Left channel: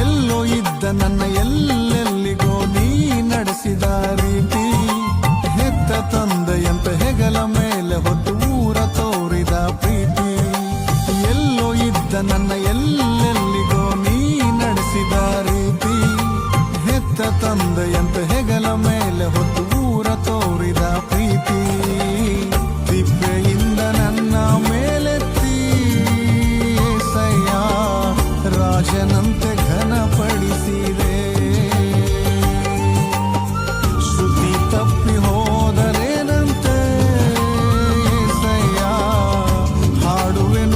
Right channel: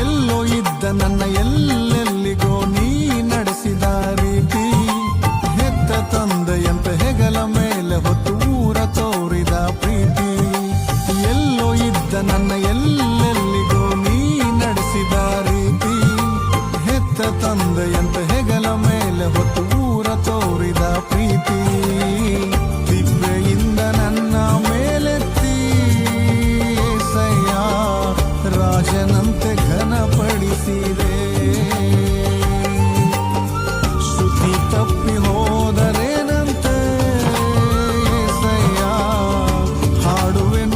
ಎಲ್ಲೋ ಇದ್ದ ನನ್ನ ಎಲ್ಲೆಲ್ಲಿಗೋ ನೀ ನಡೆಸಿದ ರೀತಿ, ಹೆತ್ತ ತಂದೆಯಂತ ಹೆಗಲ ಮೇಲೆ ಹೊತ್ತು ಊರ ತೋರಿದ ಪ್ರೀತಿ. ಎಲ್ಲೋ ಇದ್ದ ನನ್ನ ಎಲ್ಲೆಲ್ಲಿಗೋ ನೀ ನಡೆಸಿದ ರೀತಿ, ಹೆತ್ತ ತಂದೆಯಂತ ಹೆಗಲ ಮೇಲೆ ಹೊತ್ತು ಊರ ತೋರಿದ ಪ್ರೀತಿ. ತಿಪ್ಪೆಯಿಂದ ನನ್ನ ಮೇಲೆತ್ತಿ ಏಸಯ್ಯ ರಾಜನಂತೆ ಘನಪಡಿಸಿದೆ. ಶ್ರುತಿ ತಪ್ಪಿ ಹೋದರೇನಂತೆ ಏಸಯ್ಯ ಹಾಡುವೆನು